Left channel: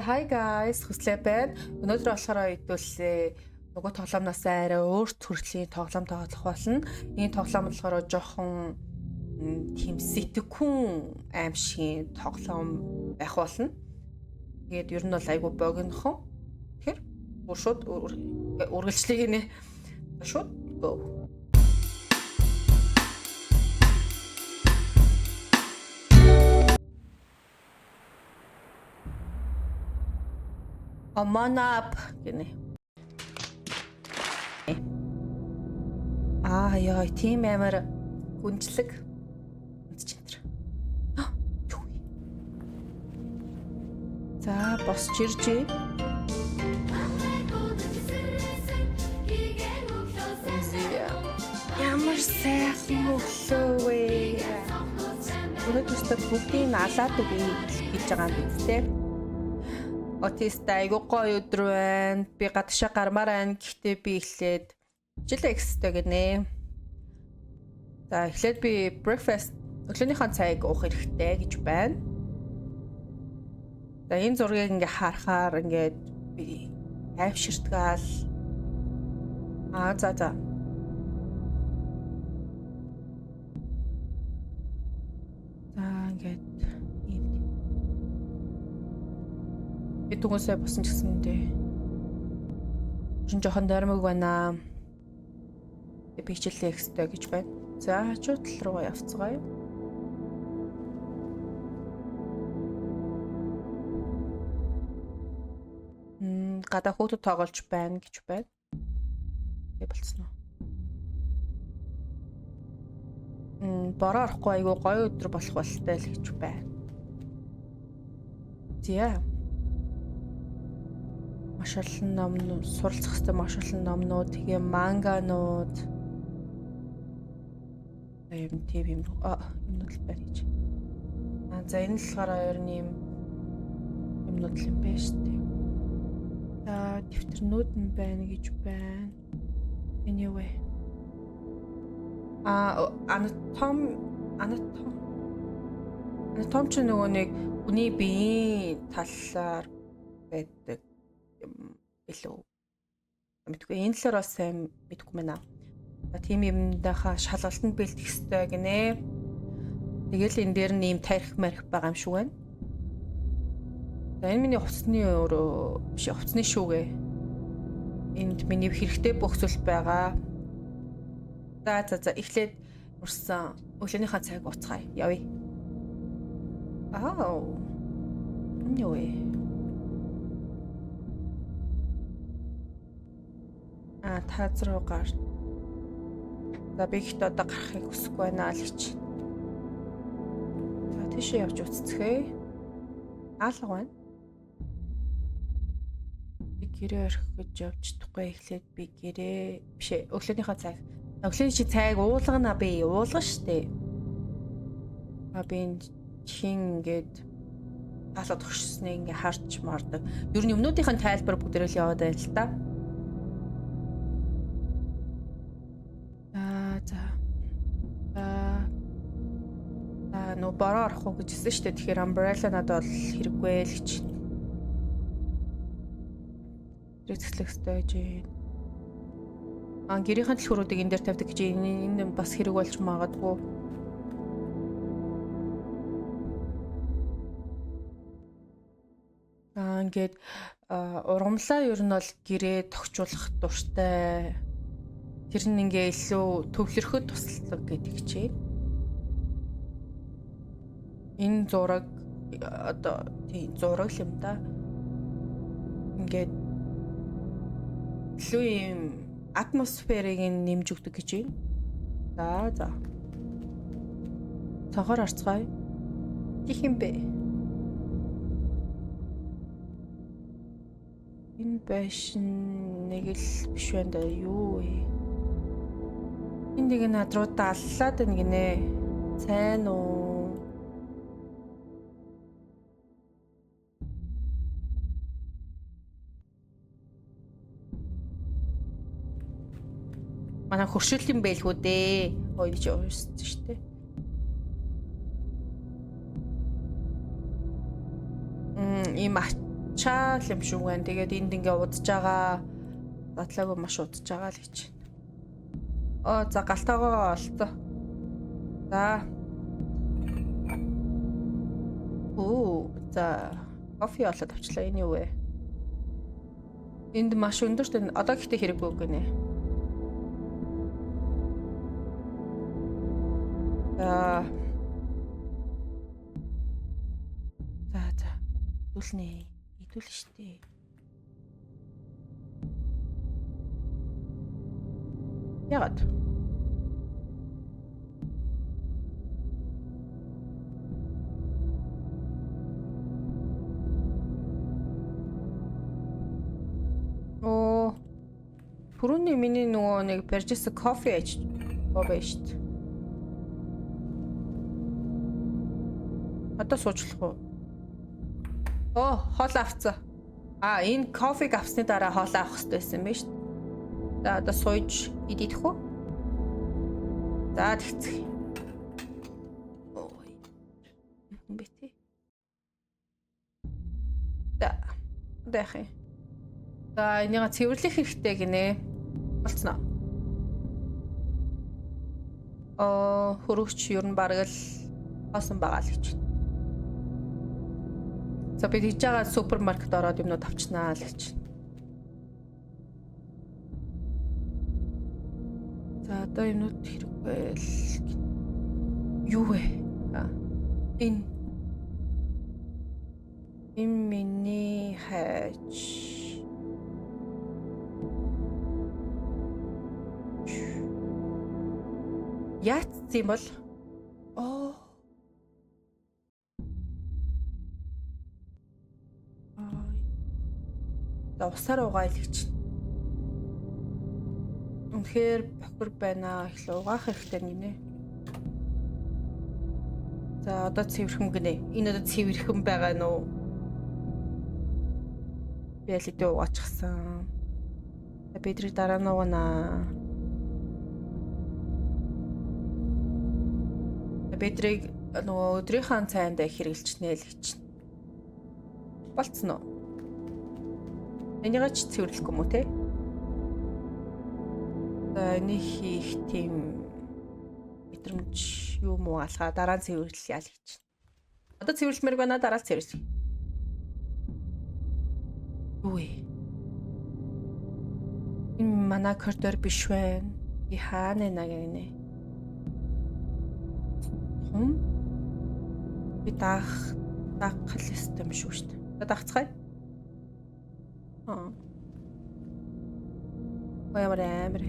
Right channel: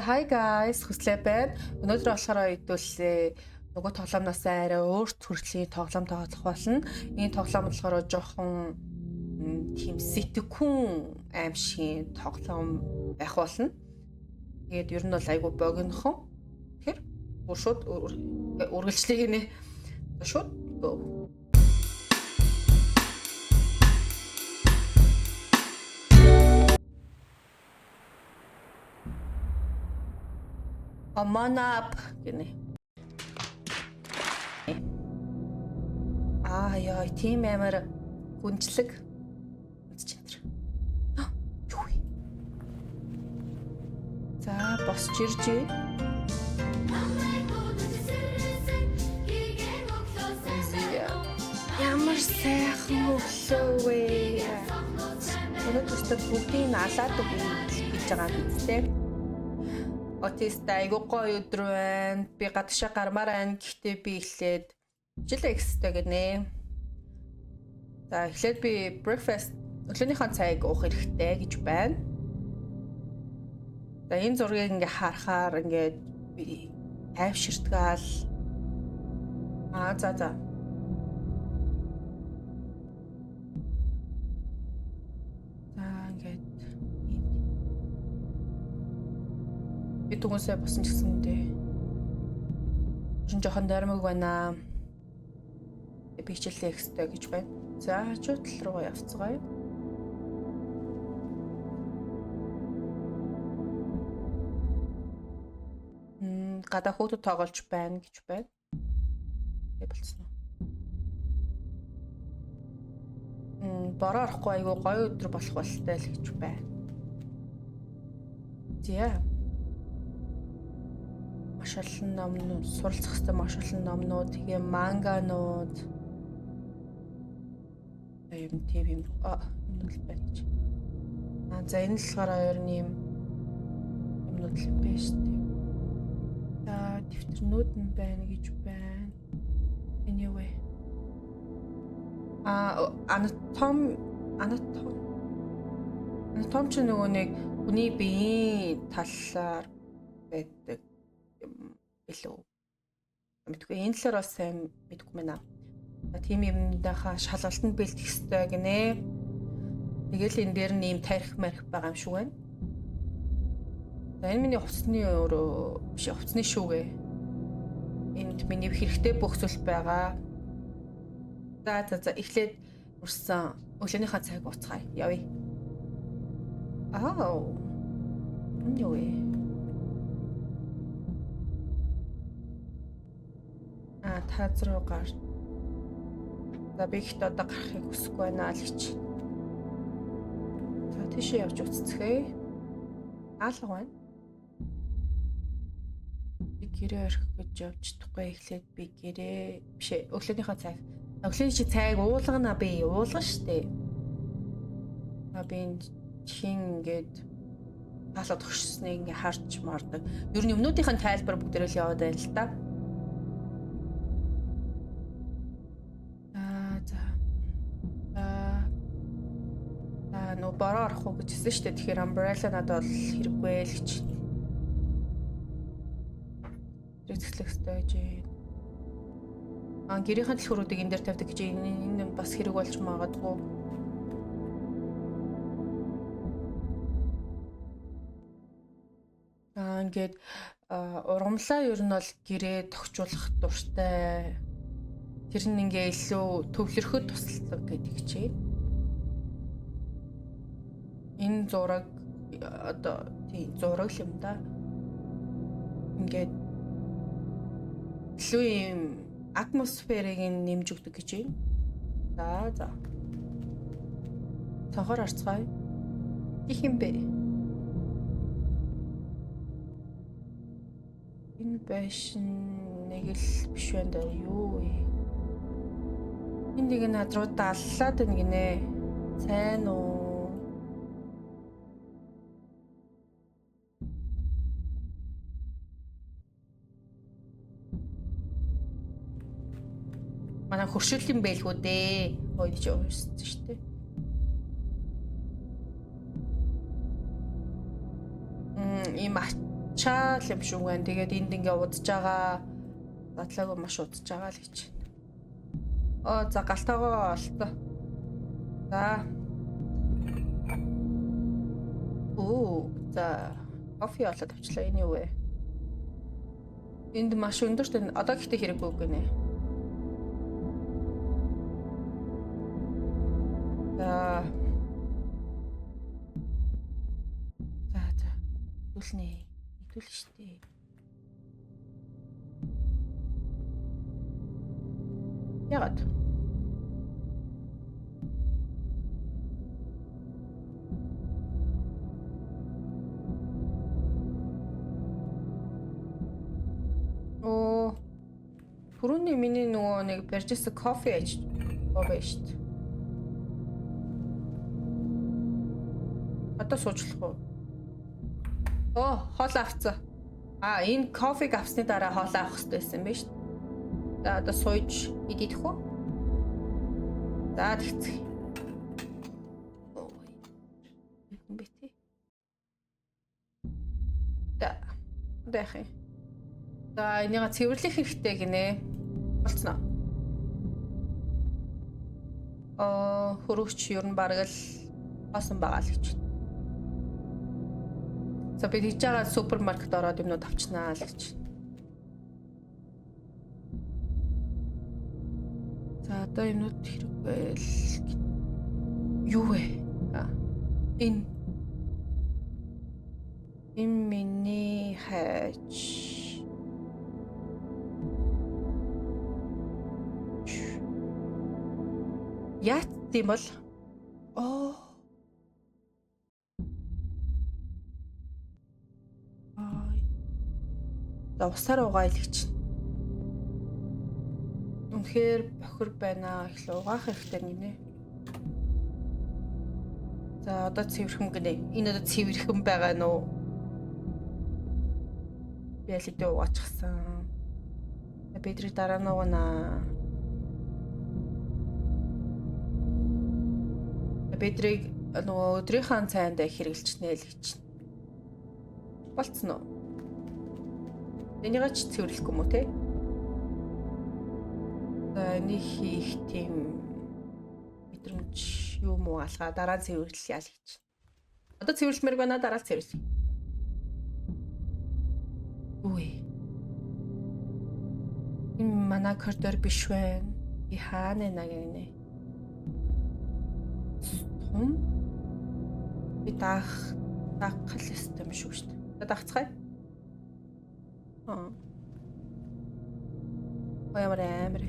Hi guys, хүслээ байна. Өнөөдөр болохоор хэдүүлээ нөгөө тоглоомноос арай өөр төрлийн тоглоом тоглох болно. Энэ тоглоом болохоор жоохон тийм сэтгэхүн аимшигын тоглоом байх болно. Тэгээд ер нь бол айгүй богинохон. Тэгэхээр шууд үргэлжлэе гинэ. Шууд go. Come on up гинэ. Яа, тийм амар хүнчлэг үзэж энэ. Юу вэ? За, босч иржээ. Ямар сайхан өглөө вэ? Өнөөдөр бүгдийг алаад өгье гэж байгаа юм биз дээ. Отист айгуу гоё өдөр байна. Би гадагшаа гармаар байна. Гэхдээ би эхлээд жил экстэй гинэ. За эхлээд би breakfast өглөөнийхэн цайг уух хэрэгтэй гэж байна. За энэ зургийг ингээ харахаар ингээд би тайвширтгаал. За. За ингээд би түгүнсээ босон ч гэсэн дээ. Жин жоохон дармаг байна. Би хичээлээ экстэй гэж байна. За хажуу тал руу явцгаая. Гадаа хүүхэд тоглож байна гэж байна. Тэг болцсон уу? Бороо орохгүй айгу гоё өдөр болох болтой л гэж байна. Зя. Маш олон номнууд, суралцах хэвээр маш олон номнууд, тэгээ манганууд. Юм л байна гэж. За энэ л болохоор ер нь юмнууд л юм байна шүү дээ. За дэвтэрнүүд нь байна гэж байна. Anyway. Анатом ч нөгөө нэг хүний биеийн талаар байдаг юм илүү. Мэдгүй энэ талаар бас сайн мэдгүй байна. Тийм юмдахаа шалгалтанд бэлтгэх ёстой гинэ. Тэгэл энэ дээр нь ийм тарих марих байгаа юм шиг байна. За энэ миний хувцсны өөрөө биш хувцсны шүүгээ. Энд миний хэрэгтэй бөхсөл байгаа. За эхлээд урсан өглөөнийхөө цайг ууцгаая. Явъя. Юу вэ? Таз руу гар. За би ихт одоо гарахыг хүсэхгүй байна л гэж. За тийшээ явж үццгээе. Алга байна. Би гэрээ орхих гэж явж чадахгүй эхлээд би гэрээ бишээ өглөөнийхөө цайг. Өглөөний цайг уулгана би уулгана штэ. Би энэ чин ингээд таалаад өгшснээ ингээ харж мардаг. Ер нь юмнуудынхаа тайлбар бүгдээрээ л яваад байна л да. Нөө бороо орохгүй гэж хэлсэн шүү дээ. Тэгэхээр umbrella надад бол хэрэггүй л гэж. Зэрэглэх хэрэгтэй гэж. Гэрийнхэн дэлгүүрүүдийг энэ дээр тавьдаг гэж энэ бас хэрэг болж магадгүй. Ингээд ургамлаа ер нь бол гэрээ тогтчуулах дуртай. Тэр нь ингээ илүү төвлөрөхөд тусалдаг гэдэг чинь. Энэ зураг одоо тийм зураг юм да. Ингээд илүү юм атмосферыг нэмж өгдөг гэж байна. За. Цонхоор арцгаая. Их юм бэ? Энэ байшин нэг л биш байна да. Юу вэ? Энэ нэг над руу даллаад байна гинэ. Сайн уу? Манай хөршөөллийн байлгүй дээ. Ойж уурсан шүү дээ. ийм Чаал юм шүү гэн. Тэгээд энд ингээ удаж байгаа. Задлаагүй маш удаж байгаа л гэж. За галтаагаа олцоо. За. За кофе олоод авчлаа. Энэ юу вэ? Энд маш өндөрт одоо гэхдээ хэрэггүй гинэ. За. Идүүлнэ. Идүүл штэ. Яагаад? Түрүүний миний нөгөө нэг барьжсэн кофе аж байгаа штэ. Одоо суучлах уу? Хоол авцаа. Энэ кофег авсны дараа хоол авах хэрэгтэй байсан биз шүү. За одоо сууж идэх үү? За тэгцэх. Юм бэ тий. За яах юм? За энийг цэвэрлэх хэрэгтэй гинэ. Болцноо. Хөрөгч ер нь бараг л хоосон байгаа л гэж. За би хийж байгаа супермаркет ороод юмнууд авчнаа л гэж. За одоо юмнууд хэрэггүй л. Юу вэ? Энэ миний хайж. Яац юм бол? За усаар угаал гэж. Үнэхээр бохир байна. Их л угаах хэрэгтэй гинэ. За одоо цэвэрхэн гинэ. Энэ одоо цэвэрхэн байгаа нь уу? Би л идэ угаачихсан. Бидрийг дараа нь угаана. Бидрийг нөгөө өдрийнхөө цайнд хэрэглэчнэ л гэж. Болцсон уу? Энийг ч цэвэрлэх юм уу те? За энийг хийх тийм мэдрэмж юу муу алгаа дараа нь цэвэрлэе л гэж. Одоо цэвэрлэмээр байна дараа нь цэвэрлэе. Юу вэ? Энэ манай коридор биш байна. Би хаана нэ? Би даах систем шүү дээ. Даахцгаая. Ямар амир.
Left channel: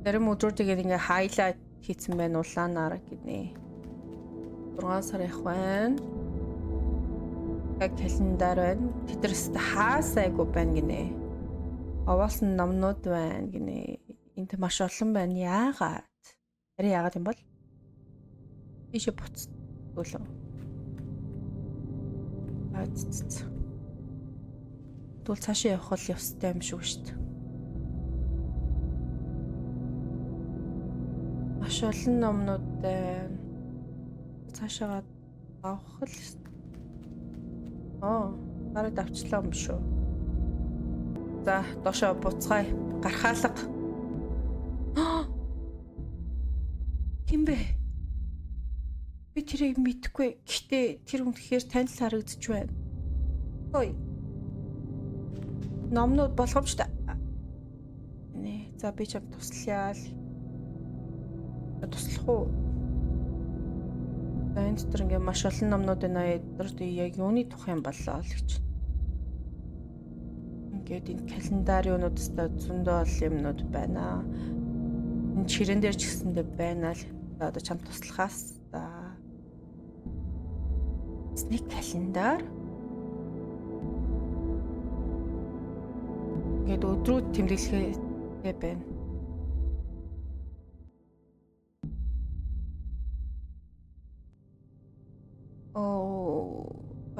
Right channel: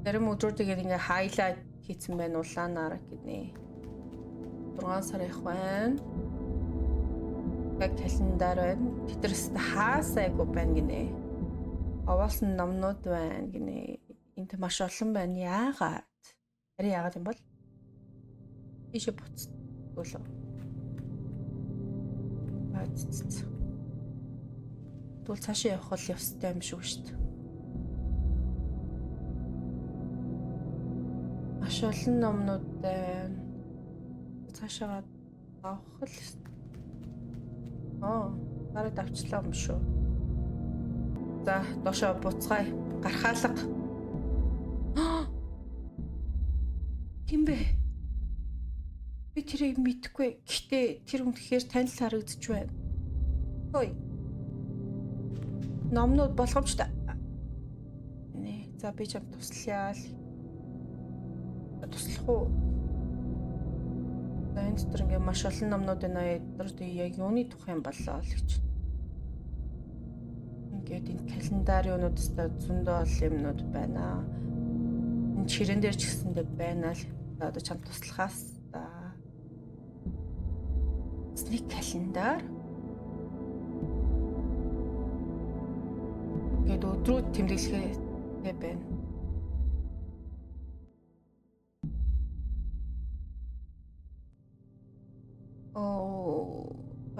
Зарим өдрүүдийг ингээ хайлайт хийсэн байна улаанаар гинэ. 6 сар их байна. Календар байна. Тэдрээс хаасайгүй байна гинэ. Овоолсон номнууд байна гинэ. Энд маш олон байна. Яагаад? Харин яагаад юм бол? Тийшээ буцтгуулаа. Тэгвэл цаашаа явах бол явстай юм шүү дээ. Маш олон номнууд байна. Цаашаа авах л. Бараг давчлаа юм шүү. За, доошоо буцгаая. Гархаалга. Хин бэ? Би тэрийг мэдэхгүй. Гэхдээ тэр үнэхээр танил харагдаж байна. Хөөе. Номнууд болгоомжтой. Нэ, за би чам туслая л. Туслах уу? За энэ дотор ингээ маш олон номнууд байна. Эдгээр яг юуны тухай юм болоо л гэж. Ингээд энэ календариунуудаас зөндөө олон юмнууд байна. Энэ чирэн дээр ч гэсэндээ байна л. За одоо чам туслахаас та. Сник календар. Ингээд өдрүүд тэмдэглэхээ байна.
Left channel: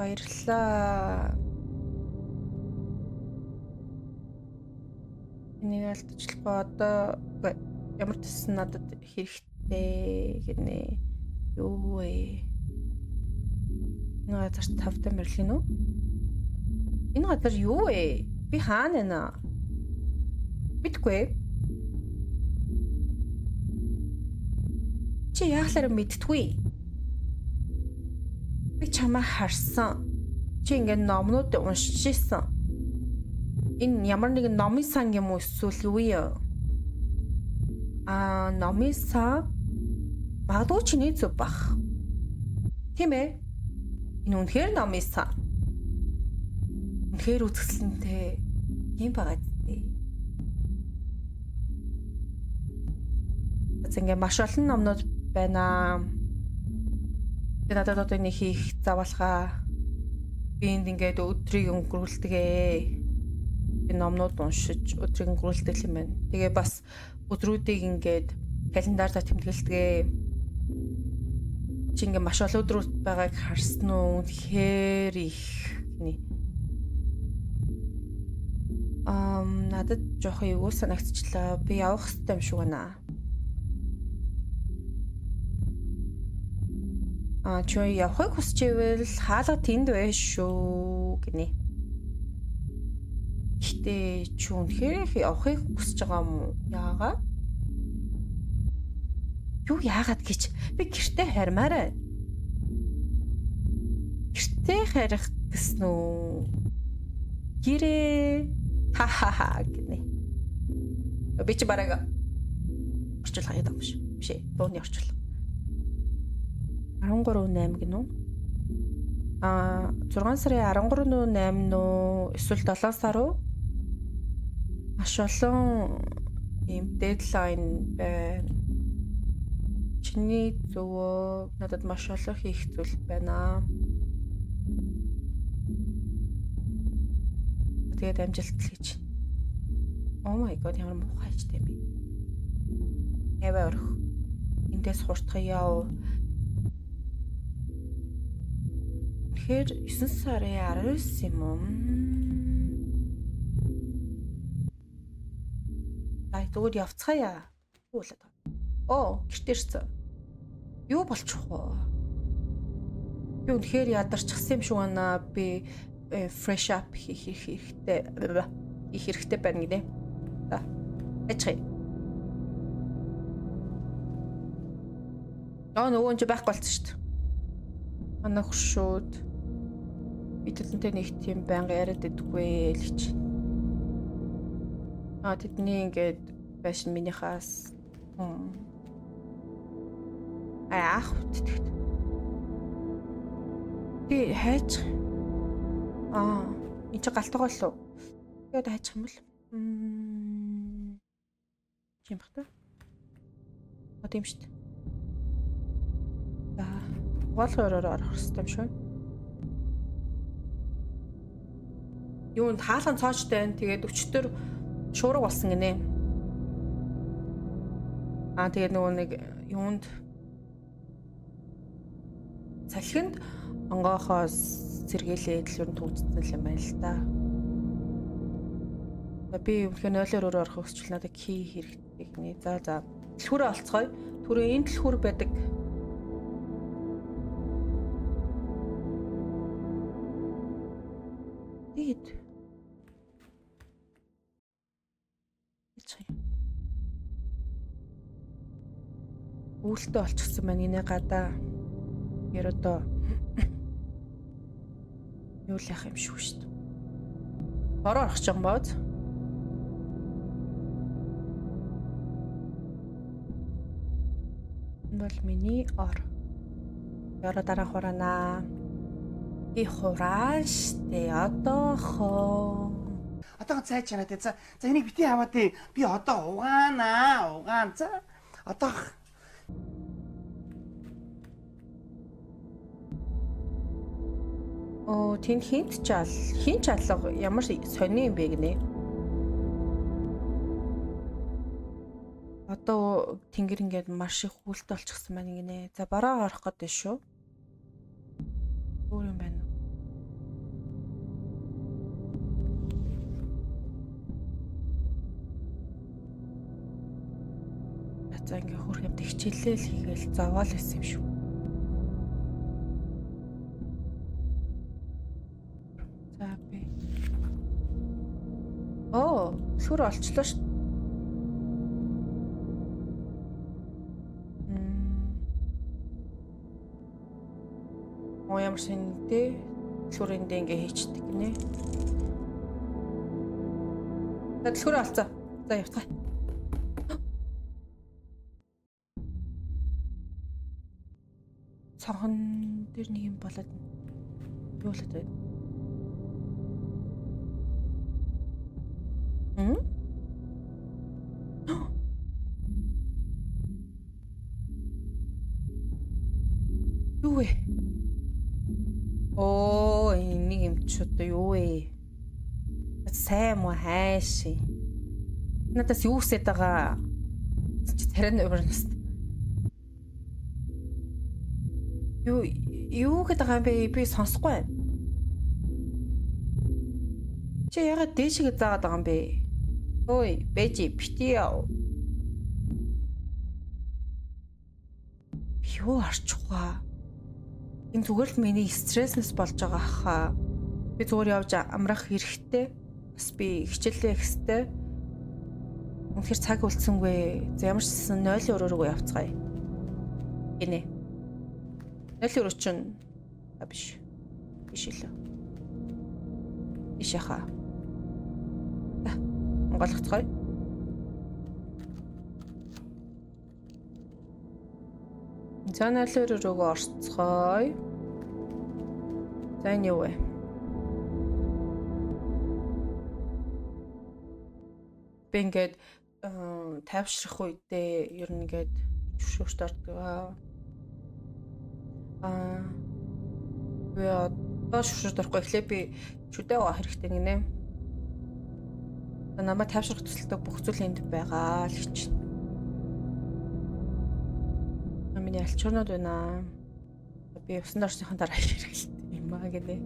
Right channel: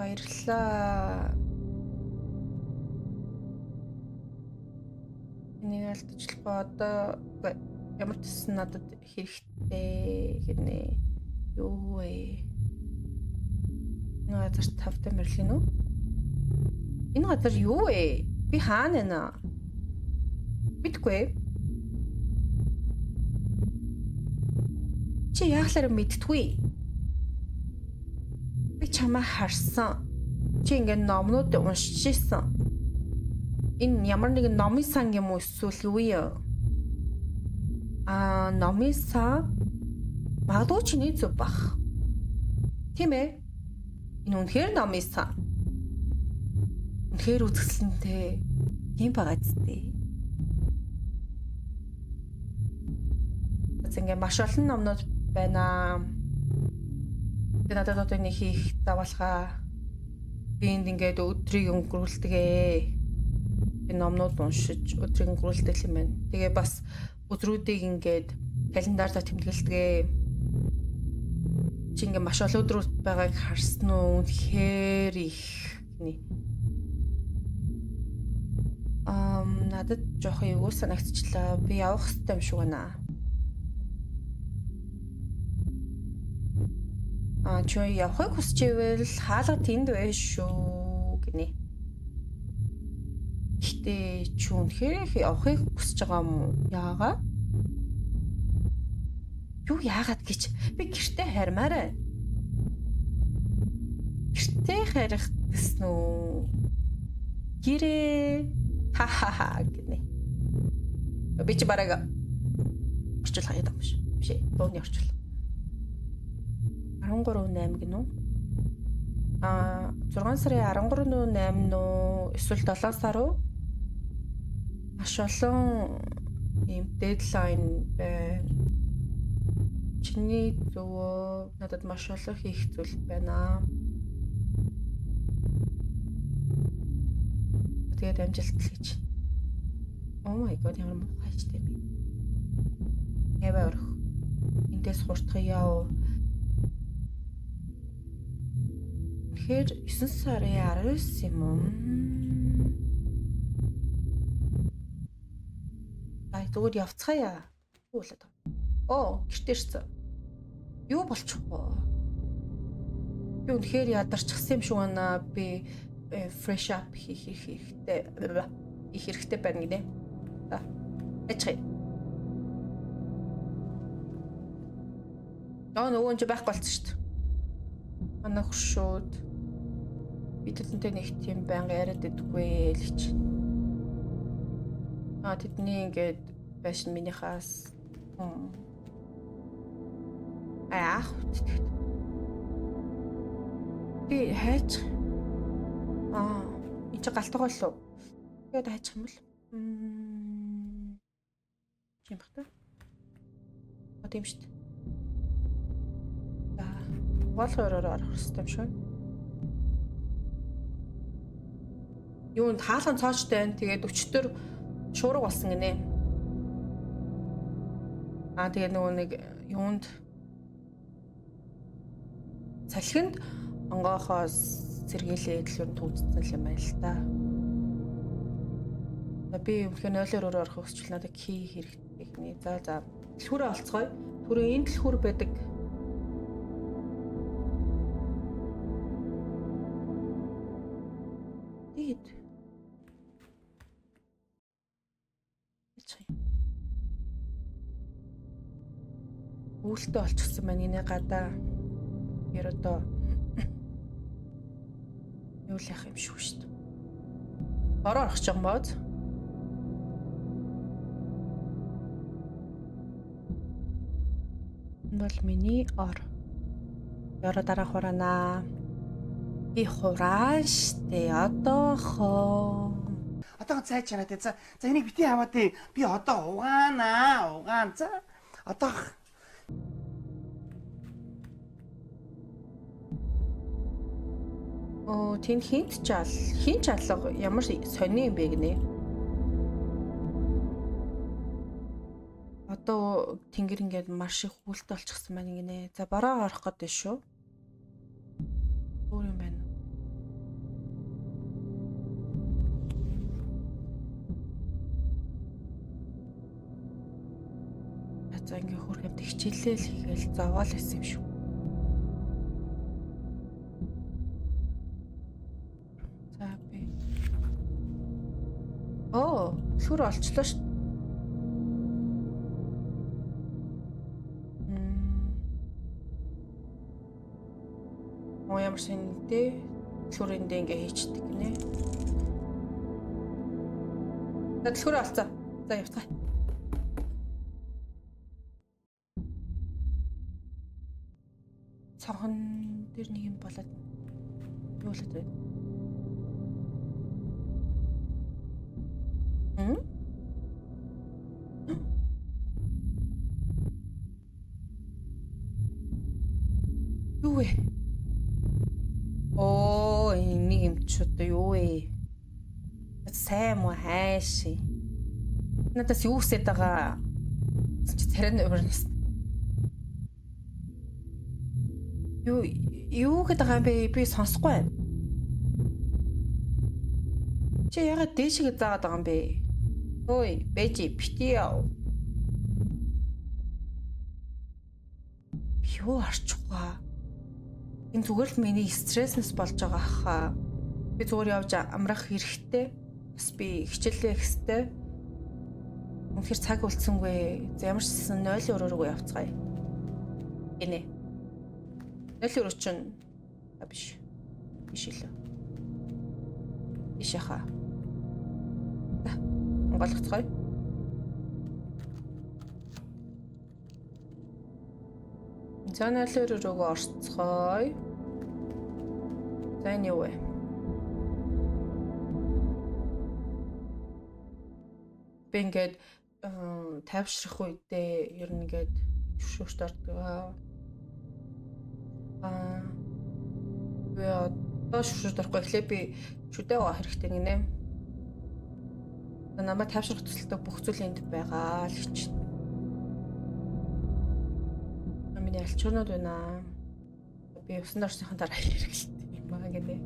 Баярлалаа. Энийг алдчихлаа. Одоо ямар ч гэсэн надад хэрэгтэй гэнэ. Юу вэ? Энэ газар тавтай мөрлөн үү? Энэ газар юу вэ? Би хаана байна? Мэдгүй. Чи яахлаар мэдтгүй? Би чамаа харсан. Чи ингээд номнууд уншиж ирсэн. Энэ ямар нэгэн номын сан юм уу эсвэл юу юм? Номын сан магадгүй чиний зүв бах. Тийм ээ. Энэ үнэхээр номын сан. Үнэхээр үзэсгэлэнтэй юм байгаа зү. Ингээ маш олон номнууд байна. Тэгээд надад одоо нэг хийх завалгаа би энд ингээд өдрийг өнгөрүүлдэгэ. Би номнууд уншиж өдрийг өнгөрүүлдэг юм байна. Тэгээ бас өдрүүдийг ингээд календараар тэмдэглэдэг. Чи ингээ маш олон өдрүүд байгааг харсан уу? Үнэхээр их гинэ. Надад жоох юу санагдчихлаа. Би явах хэрэгтэй юм шиг байна. Чи явахыг хүсч ивэл хаалга тэнд байж шүү гинэ. Гэтэ чи үнэхээр явахыг хүсэж байгаа юм уу? Яагаад? Юу яагаад гэж би гэртээ хармаар байна. Гэртээ харих гэсэн үү? Гэрээ хахаха гинэ. Би чи бараг орчлох юм биш. Биш ээ. Дууны орчлох. 13/8 гинэ үү? 6 сарын 13/8 нөө эсвэл 7 сар уу? Маш олон ийм дедлайн байна. Чиний зөвөө надад маш олон хийх зүйл байна. Тэгээд амжилт хийж. Oh my god, ямар муухай ч тийм би. Эвэр. Эндээс хурцгаяа. Тэгэхээр 9 сарын 19 юм уу? Зүгээр явцгаая. Юу болоод байна? Гэртээ ирсэн. Юу болчих вэ? Би үнэхээр ядарчихсан юм шиг байна. Би fresh up хийх хэрэгтэй байна гинэ. За. Ачхи. Нөгөө ч байхгүй болсон шүү дээ. Манай хөшөөд би тэдэнтэй нэг тийм байнга яриад идэггүй л гэж. Тэдний ингээд байшин минийхаас ах үтдэгт. Би хайж энэ чи галтгаа лу. Тэгээд хайчих юм бол юм бах та. Тийм шүү дээ. За, угаалгаараа орох хэрэгтэй юм шүү. Юунд хаалган цоочтой байна. Тэгээд өчтөр шуурга болсон гинэ. Тэгээд нөгөө нэг юунд салхинд онгоохоос сэргээлээ дэлгүүр төвцсөн юм байна л да. Би өмнөхөө 0-2 орох хүсчил надад ки хэрэгтэй гинэ. За. Дэлгүүрээ олцгоё. Түрүү энэ дэлгүүр байдаг. Дид. Үүлдээ олчихсан байна энэ гадаа. Ер одоо юу л яах юм шүү дээ. Бороо орох ч юм бод. Бол миний ор. Яраа дараа хураана. Би хурааштэй одоохоо. Одоо цай чанаа тэ. За энийг бити аваад би одоо угаана. За одоо тэнд хин чалга ямар сони юм бэ гинэ. Одоо тэнгэр ингээд маш их хүлт олчихсан байна гинэ. За бороо орох гэдэг шүү. Өөр юм байна. За ингээ хөрх юм хичээлэл хийгээл зовоол байсан юм шүү. За би. Оо, сүр олчлоо ш. Ямар шинтэй сүрэндээ ингээ хийчдэг гинэ. За дэлгүүрээ олцоо. За явцгаа. Цонхон дээр нэг юм болоод юу болоод байна? Юу вэ? Оо, энийг юм ч одоо юу вэ? Сайн муу хайши. Надаас юу хүсэж байгаа? Чи царай нөрнөс. Юу гэдэг юм бэ? Би сонсохгүй байна. Чи ягаад дээшгээ заагаад байгаа юм бэ? Ой, бэжи бити яа. Юу арчихгаа? Энэ зүгээр л миний стресснес болж байгаа хаа. Би зүгээр явж амрах хэрэгтэй. Бас би хичээлээ ихстэй. Үнэхээр цаг үлдсэнгүй. За ямар ч гэсэн 0 өрөөгөө явцгаая. Гинэ. 0 өрөө чинь биш. Биш лээ. Биш яхаа. Монголцгой. За 0 өрөөгөө орцгоё. За энэ юу вэ? Би ингээд тайвшрах үедээ ер нь ингээд шүүшт ордог. Би одоо шүүшт орохгүй эхлээ би шүдээ байгаа хэрэгтэй гинэ. Намайг тайвшрах төсөлтөд бүх зүйл энд байгаа л гэж. Миний альчуурнууд байна. Би усан дорсныхан дараа хэрэгэлтэй юм аа гинэ.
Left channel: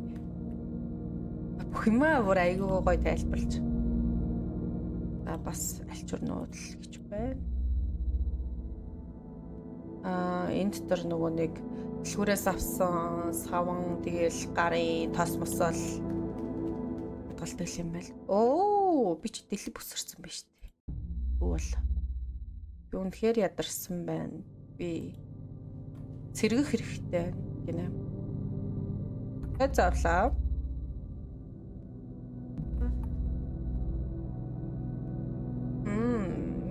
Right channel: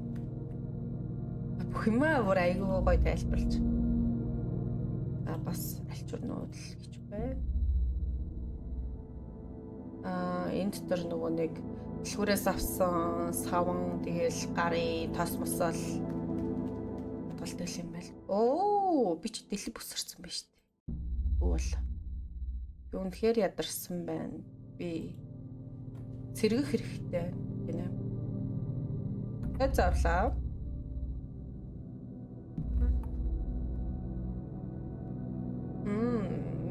Бүх юмаа бүр айгүй гоё тайлбарлаж. Бас альчуурнууд л гэж байна. Энд дотор нөгөө нэг дэлгүүрээс авсан саван тэгэл гарын тос мосол галтай юм байл. Оо, би ч дэлб бүсэрсэн байна шүү дээ. Үгүй л. Би үнэхээр ядарсан байна. Би сэргэх хэрэгтэй гинэ. Зарлаа.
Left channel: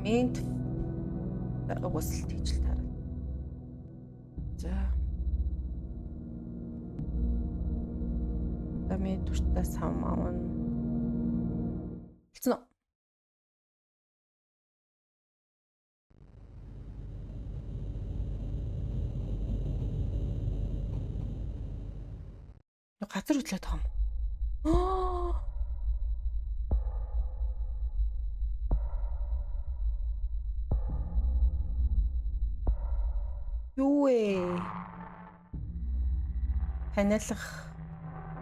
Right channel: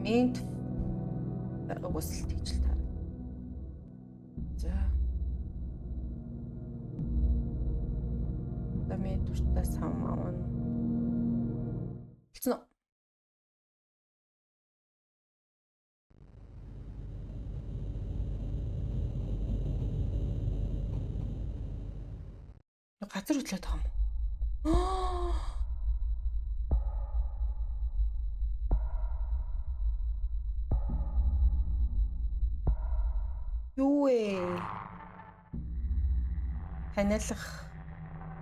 Минт угсэл тийжл таарна. За. Дами туртаа сам авна. Хэлсэн үү? Газар хөдлөөд байгаа юм. Юу вэ?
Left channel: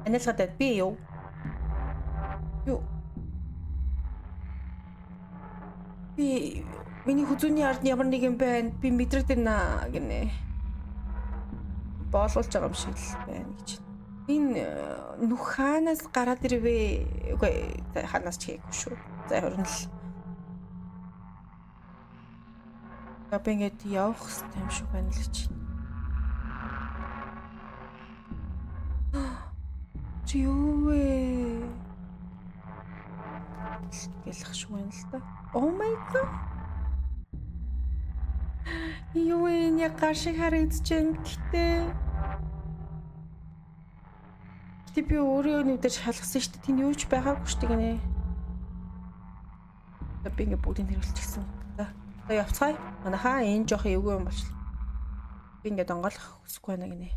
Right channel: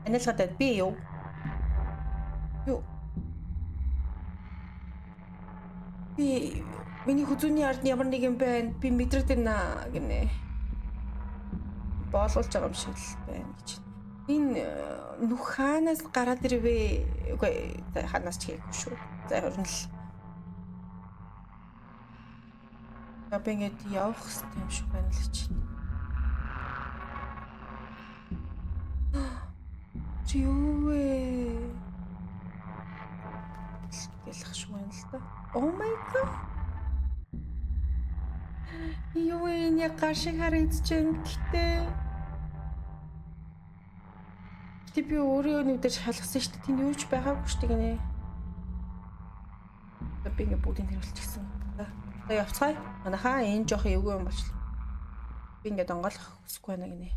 Ханиалгатай би юу? Юу? Би миний хүзүүний ард ямар нэг юм байна. Би мэдрээд байна гинэ. Боолуулж байгаа юм шиг л байна гэж. Энэ нүх хаанаас гараад ирвэ? Үгүй хаанаас ч хийхгүй шүү. За хорно л. Би ингээд явах хэрэгтэй юм шиг байна л гэж. Чи юу вэ? Гэлэх шиг байна л да. Oh my god. Юу энэ яг шиг харагдаж байна гэхдээ. Гэтэ би өөрөө нүдээр шалгасан шүү дээ. Тэнд юу ч байгаагүй шүү дээ гинэ. Би ингээд бүгдийг тэрүүлчихсэн. За явцгаая. Манайхаа энэ жоох эвгүй юм болчихлоо. Би ингээд онгойлох хүсэхгүй байна гинэ.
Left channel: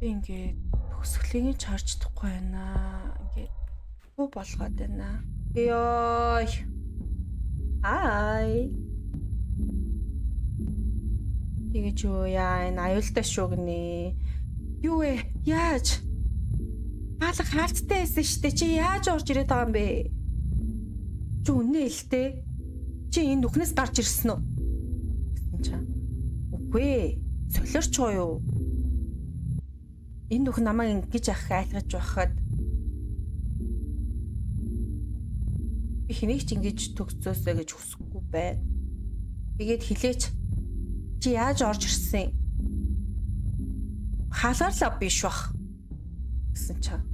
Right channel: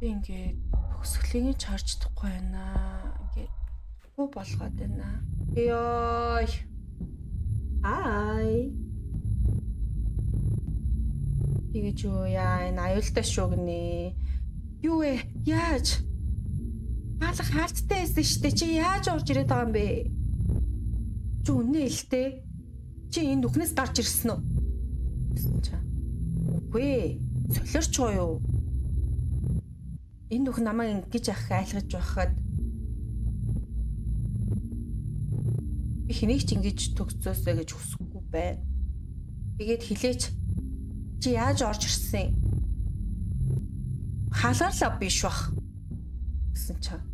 Би ингээд хөсгөлийг чарж чадахгүй байна. Ингээд юу болгоод байна. Ёй. Ай. Тэгэж юу яа энэ аюултай шүү гинэ. Юу вэ? Яаж? Хаалга хаалттай байсан штэ. Чи яаж орж ирээд байгаа юм бэ? Чи үнэ хэлтэй. Чи энэ нүхнээс гарч ирсэн үү? Гэсэн чинь. Үгүй ээ. Солиорч байгаа юу? Энэ нүх намайг ингэж ах айлгаж байхад би хэнийг ч ингэж төгсөөсэй гэж хүсэхгүй байна. Тэгээд хилээч. Чи яаж орж ирсэн? Халаалаа биш бах. Гэсэн чинь.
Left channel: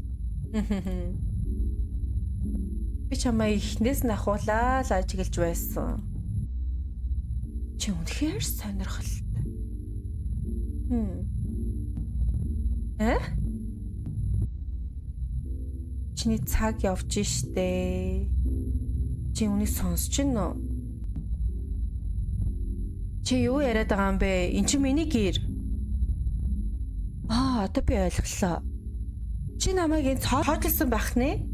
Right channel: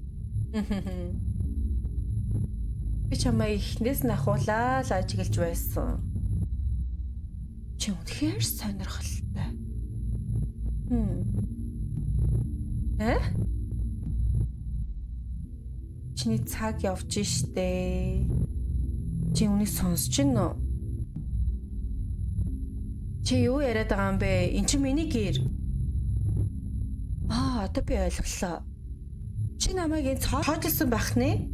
Би чамаа ихнээс нь ахуулаа л ажиглаж байсан. Чи үнэхээр сонирхолтой. Чиний цаг явж штэ. Чи үнийг сонсож байна уу? Чи юу яриад байгаа юм бэ? Энд чинь миний гэр. Одоо би ойлголоо. Чи намайг энэ цоожлсон байх нэ?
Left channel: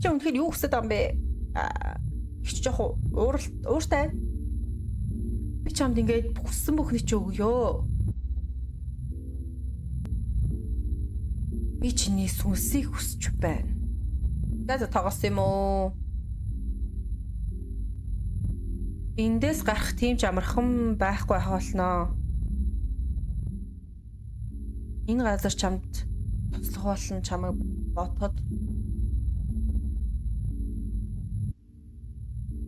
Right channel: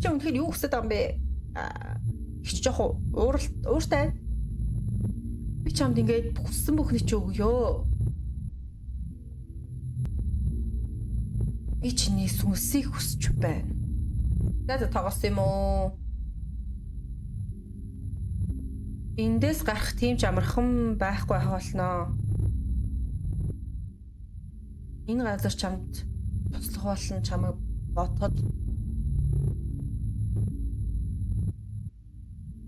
Чи үнэхээр юу хүсэж байгаа юм бэ? Их жоох ууртай. Би чамд ингээд хүссэн бүхний чи өгөө. Би чиний сүнсийг хүсэж байна. За тоогоос юм уу? Эндээс гарах тийм ч амархан байхгүй байх болноо. Энэ газар чамд туслах болно чамайг бодоход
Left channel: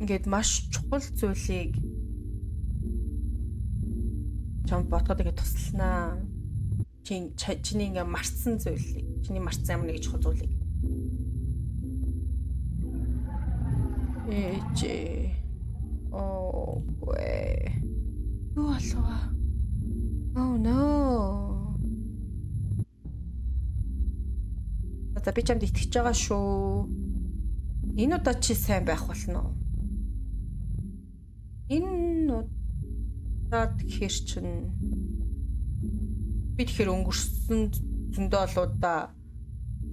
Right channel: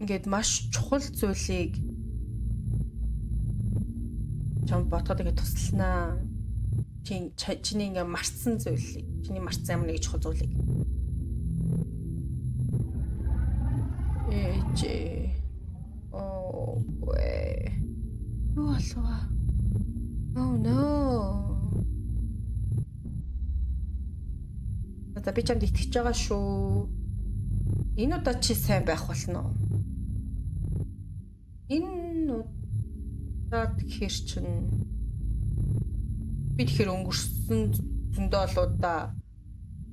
ингээд маш чухал зүйлийг чамд бодоход ингээд тусланаа. Чиний ингээд марцсан зүйлийг, чиний марцсан ямар нэг чухал зүйлийг. Гүй. Юу болов? Oh no. За би чамд итгэж байгаа шүү. Энэ удаа чи сайн байх болно. Энэ удаад гэхэр чинь би тэгэхээр өнгөрсөн зөндөө олуудаа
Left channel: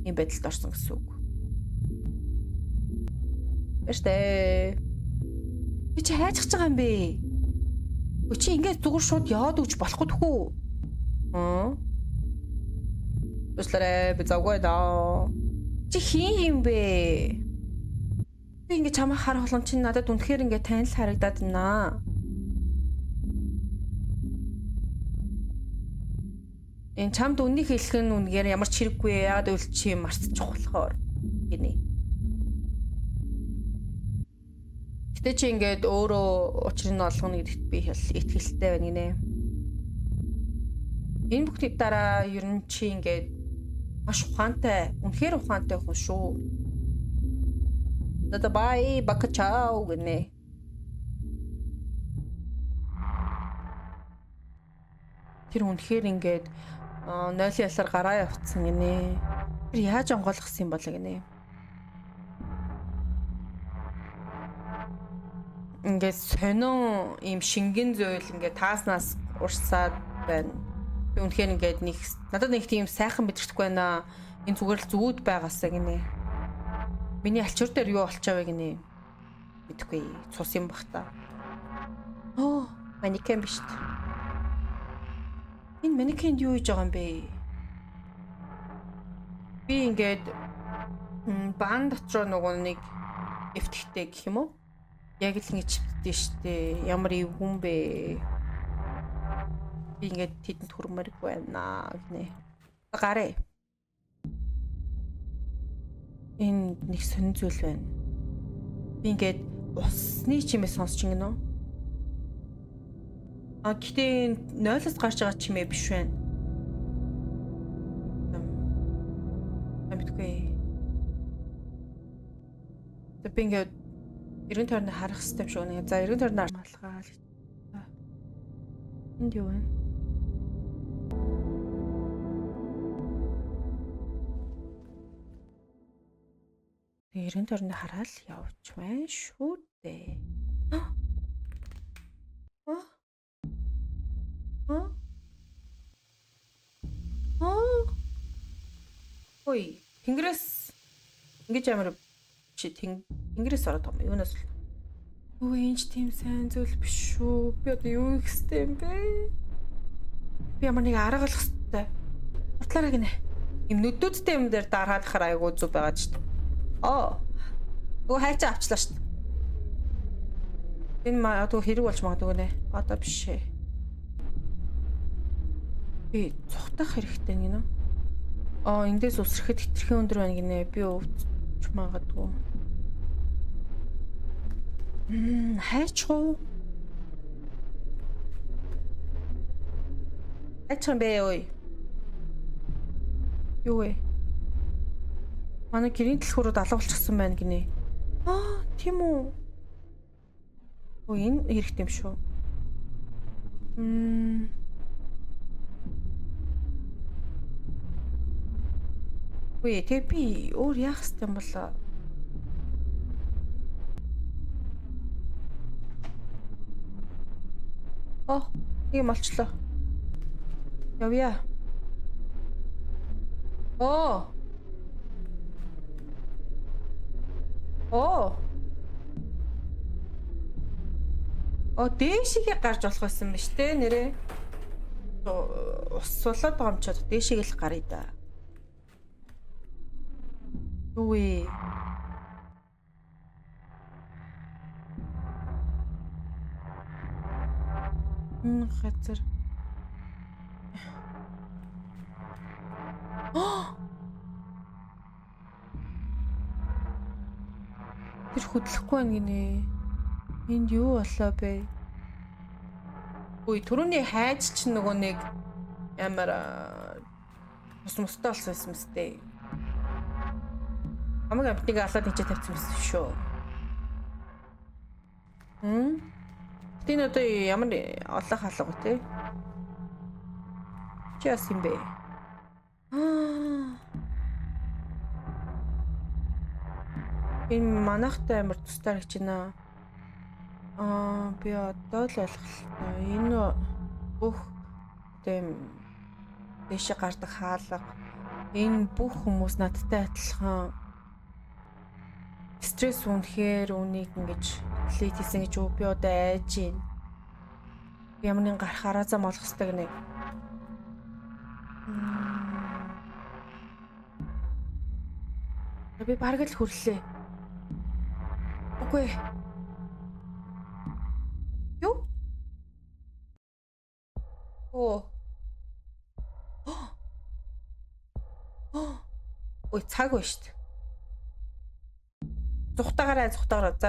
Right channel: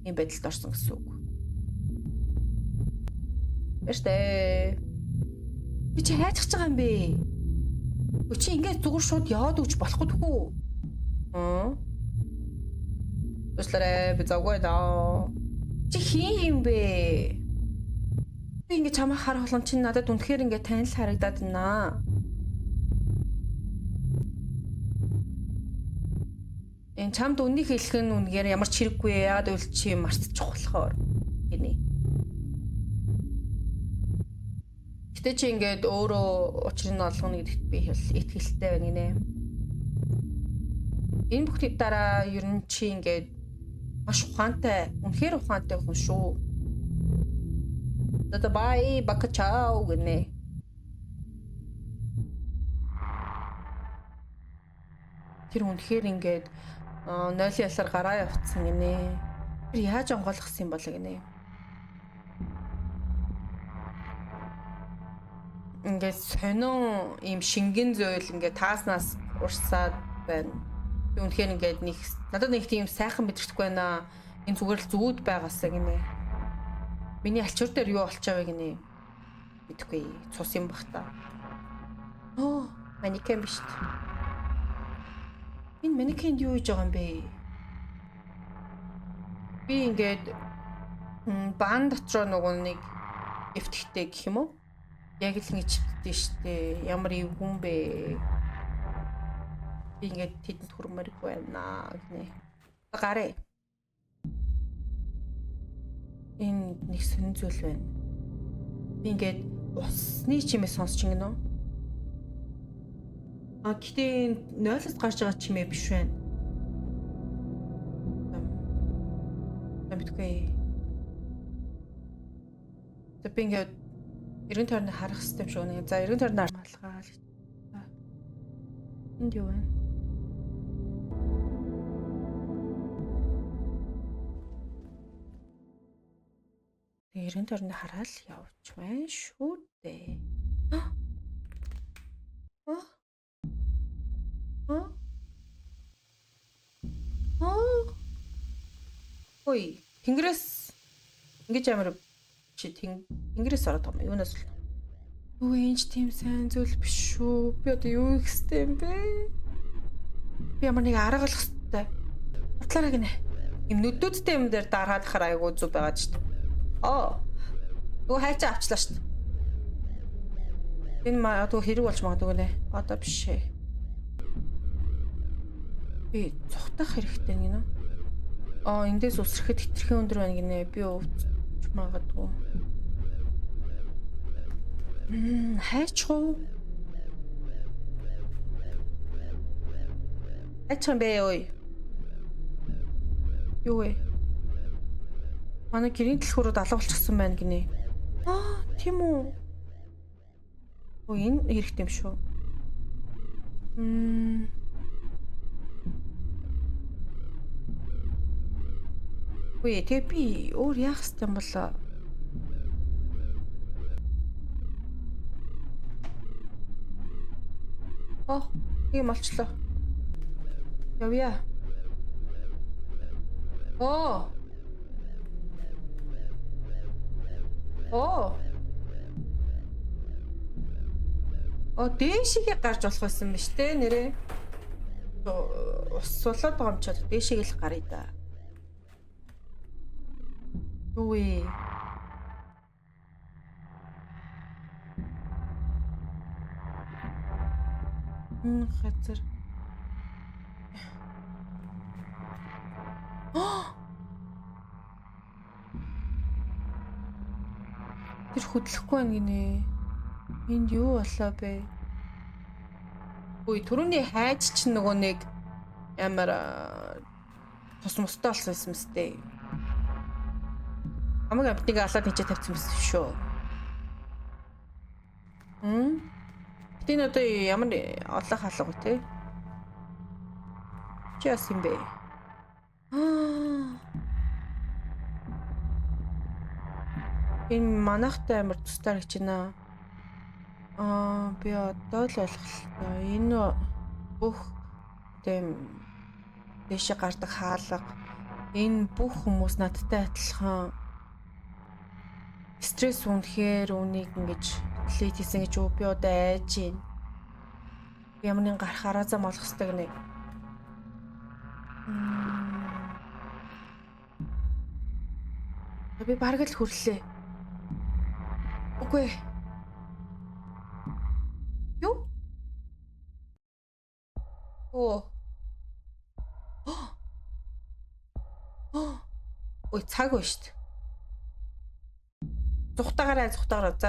ийм байдалд орсон гэсэн үг. Бэштэй. Би чи хайцах байгаа юм бэ? Чи ингээд зүгээр шууд яваад өгч болохгүй тхүү. Өслөрэ би загвай даа. Чи хин юм бэ? Би ингээд чамаа харах болгон чи надад үнэхээр ингээд танил харагдаад байна. Энэ чамд үнийг хэлэх нь үнээр ямар ч хэрэггүй яагаад үл чи марцчих болохоор гинэ. Гэтэ чи ингээд өөрөө учрыг нь олгоно гэдэгт би итгэлтэй байна гинэ. Энэ бүхний дараа ер нь чи ингээд маш ухаантай, үнэхээр ухаантай хүн шүү. Бай бакачао гинэ. Тэр үнэхээр ингээд нойлын ялаар гараа явцсан гинэ. Тэр яаж онгойлгосон юм бол гинэ. Ингээд сонин ийм шингэн зөөл ингээд тааснаас урсаад байна. Би үнэхээр ингээд надад нэг тийм сайхан мэдрэхгүй байна. Энэ зүгээр л зүуд байгаасаа гинэ. Миний альчуур дээр юу болчихвэ гинэ. Мэдхгүй. Цус юм бах та. Манекен биш үү? Энэ манекенд юу хийж байгаа юм бэ? Би ингээд баан дотроо нөгөө нэг эвтгэхтэй гэх юм уу? Яг л ингэ чивдээ штэ. Ямар эвгүн бэ? Би ингээд тэдэнд хүрмэрэг байна гинэ. Гараа. Энэ нэг сонин зүйл байна. Би ингээд усны чимээ сонсч ингэнэ. Гэтээ нойлоос гарч байгаа чимээ биш байна. Амтгүй. Би ингээд эргэн тойрны харах систем шиг нэг. За эргэн тойрны малгаал. Энд юу вэ? Эргэн тойрны хараал явж байна шүү дээ. Ой, тэнгэрээс ингэж амар чи тэнгэрээс ороод байгаа юм. Юунаас л. Юу энэ тийм сайн зүйл биш шүү. Би одоо юу их хэвтэй юм бэ? Би ямар нэг арга олох хэвтэй. Бодлоорой гинэ. Им нүдүүдтэй юм дээр дараад хараа айгуу зүг байгаа ч. Нөгөө хайчаа авчлаа шүү дээ. Энэ магадгүй хэрэг болж магадгүй нэ. Одоо биш ээ. Би цухтах хэрэгтэй гинэ. Эндээс үсрэхэд хитрхэн өндөр байна гинэ. Би өвч магадгүй. Хайчгүй. Хайчхан бэ ой. Юу вэ? Манай гэрийн дэлхүүрүүд алга болчихсон байна гинэ. Тийм үү. Энэ хэрэгтэй юм шүү. Үгүй тэгээ би өөр яах ёстой юм бол ийм болчлоо. Явъя. Дээшигээ гарч болох байсан ба штэ нэрээ. Ус сулаад байгаа юм чад дээшигээ л гарыг да. Юу вэ? Газар. Тэр хөдлөхгүй байна гинэ. Энд юу болоо бэ? Үй түрүүний хайж чинь нөгөө нэг ямар тус мустай болсон юм сте. Амаг амтныг алаад ничээ тавьсан байсан шүү. Тийм одоо ямар олох халга вэ те? Чи яс юм бэ? Энэ манахтай амар тустай гэж байна. Би одоо л ойлголоо. Энэ бүх тийм дэше гардаг хаалга энэ бүх хүмүүс надтай адилхан стресс үнэхээр үнийг ингэж лейт хийсэн гэж би одоо айж байна. Би ямар нэг гарахаараа зам олох хэрэгтэй гэнэ. Би бараг л хүрлээ. Үгүй. Юу? Ой цаг ба штт. Зүхтагаарай. За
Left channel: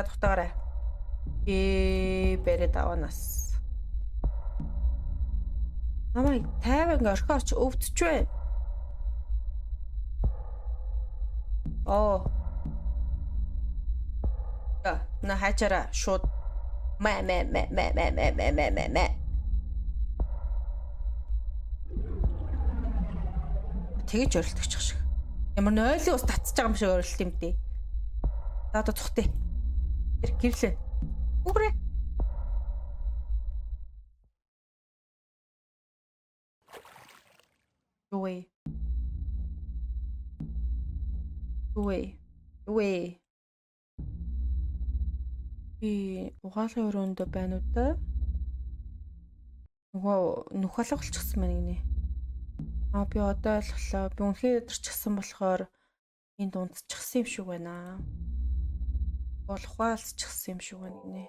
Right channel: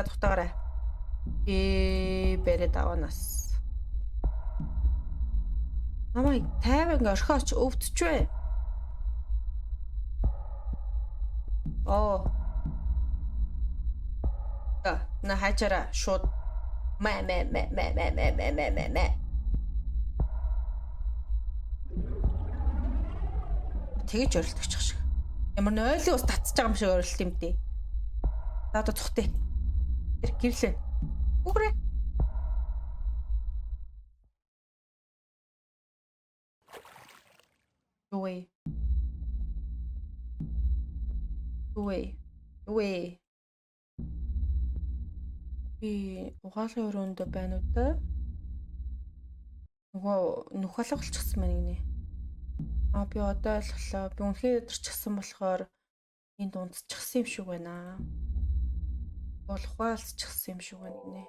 зүхтагаарай. Бэрэд аванаас. Намайг тайван орхиоч өвдөж байна. На хачара шууд мэ. Тэгэж орилдогчих шиг. Ямар н ойлын ус татчих байгаа юм шиг орилт юм дээ. За одоо цухтээ. Гэрлээ. Үгрээ. Юу вэ? Би угаалгын өрөөнд байна уу да? Нөгөө нүх алга болчихсон байна гинэ. Би одоо ойлголоо. Би үнхээр өдөрчихсэн болохоор энд унтчихсан юм шиг байна. Ухаалцчихсан юм шиг байна гинэ.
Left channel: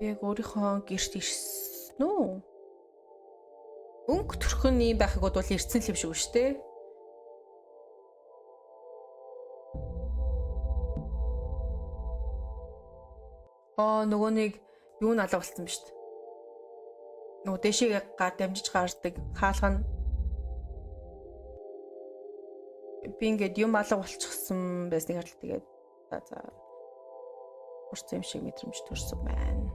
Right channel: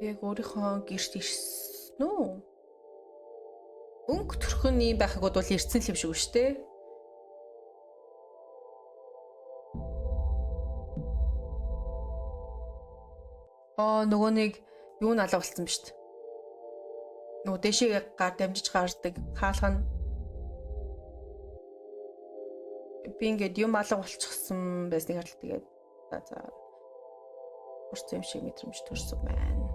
Яг өөрийнхөө гэрт ирсэн үү? Өнгө төрхөн юм байхыг бол ирсэн л юм шиг шүү дээ. Нөгөө нэг юу н алга болсон ба шүү дээ. Нөгөө дэшигээ гар дамжиж гардаг хаалга нь би ингээд юм алга болчихсон байсныг хараад тэгээд за урц юм шиг мэдрэмж төрсөн байна.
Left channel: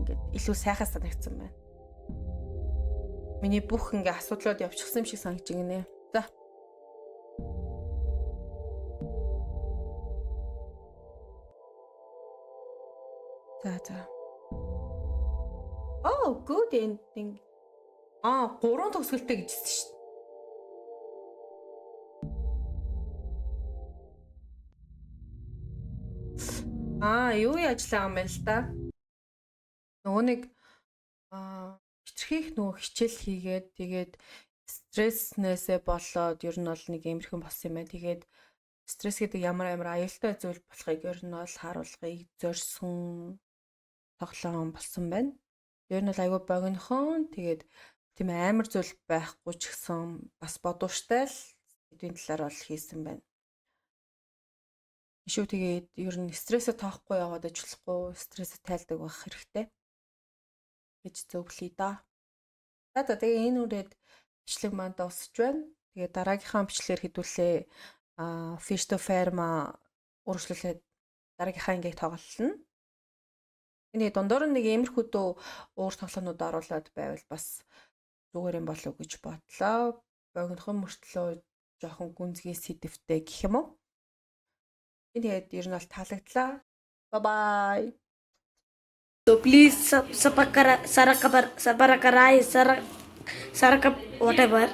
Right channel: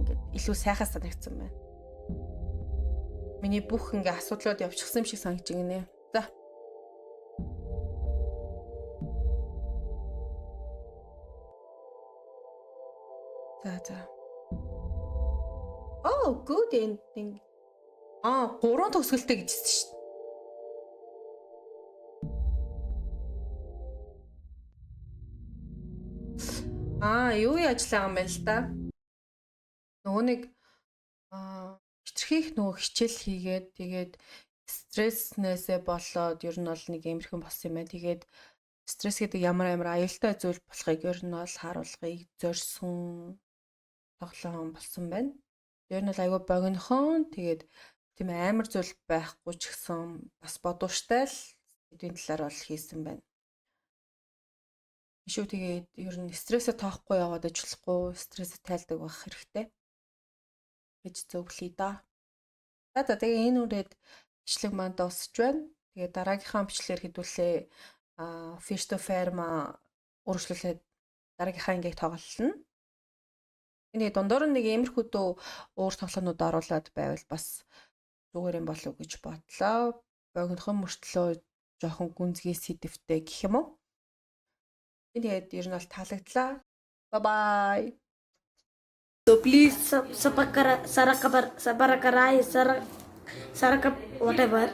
Ингээд илүү сайхан санагдсан байна. Миний бүх ингээ асуудлууд явчихсан юм шиг санагдаж байна. За. Good ending. 3 төгсгөлтэй гэжсэн шүү дээ. Юу яаж байгаа юм бэ л да? Нөгөө нэг хитрхийх нөгөө хичээл хийгээд тэгээд стресснээсээ болоод ер нь бол нэг иймэрхэн болсон юм байна. Тэгээд Стресс гэдэг ямар аюултай зүйл болохыг ер нь бол харуулгыг зорьсон тоглоом болсон байна. Ер нь бол айгүй богинохон тэгээд тийм амар зүйл байхгүй ч гэсэн бас бодвоштай л эдийн талаар бол хийсэн байна. Ишүү тэгээд ер нь стрессээ тоохгүй яваад ажиллахгүй, стрессээ тайлдаг байх хэрэгтэй гэж зөвлөе да. За тэгээ энэ үрээд бичлэг маань дуусч байна. Тэгээ дараагийнхаа бичлэгээр хэдүүлээ Fish to Farm үргэлжлүүлээд дараагийнхаа ангийг тоглолно. Энэ дундуур нэг иймэрхүү дөө өөр тоглоомнууд оруулаад байвал бас зүгээр юм болов уу гэж бодлоо. Богинохон мөртлөө жоохон гүнзгий сэдвтэй гэх юм уу? Тэгээд ер нь бол таалагдлаа. Bye bye. So please subscribe, whatever.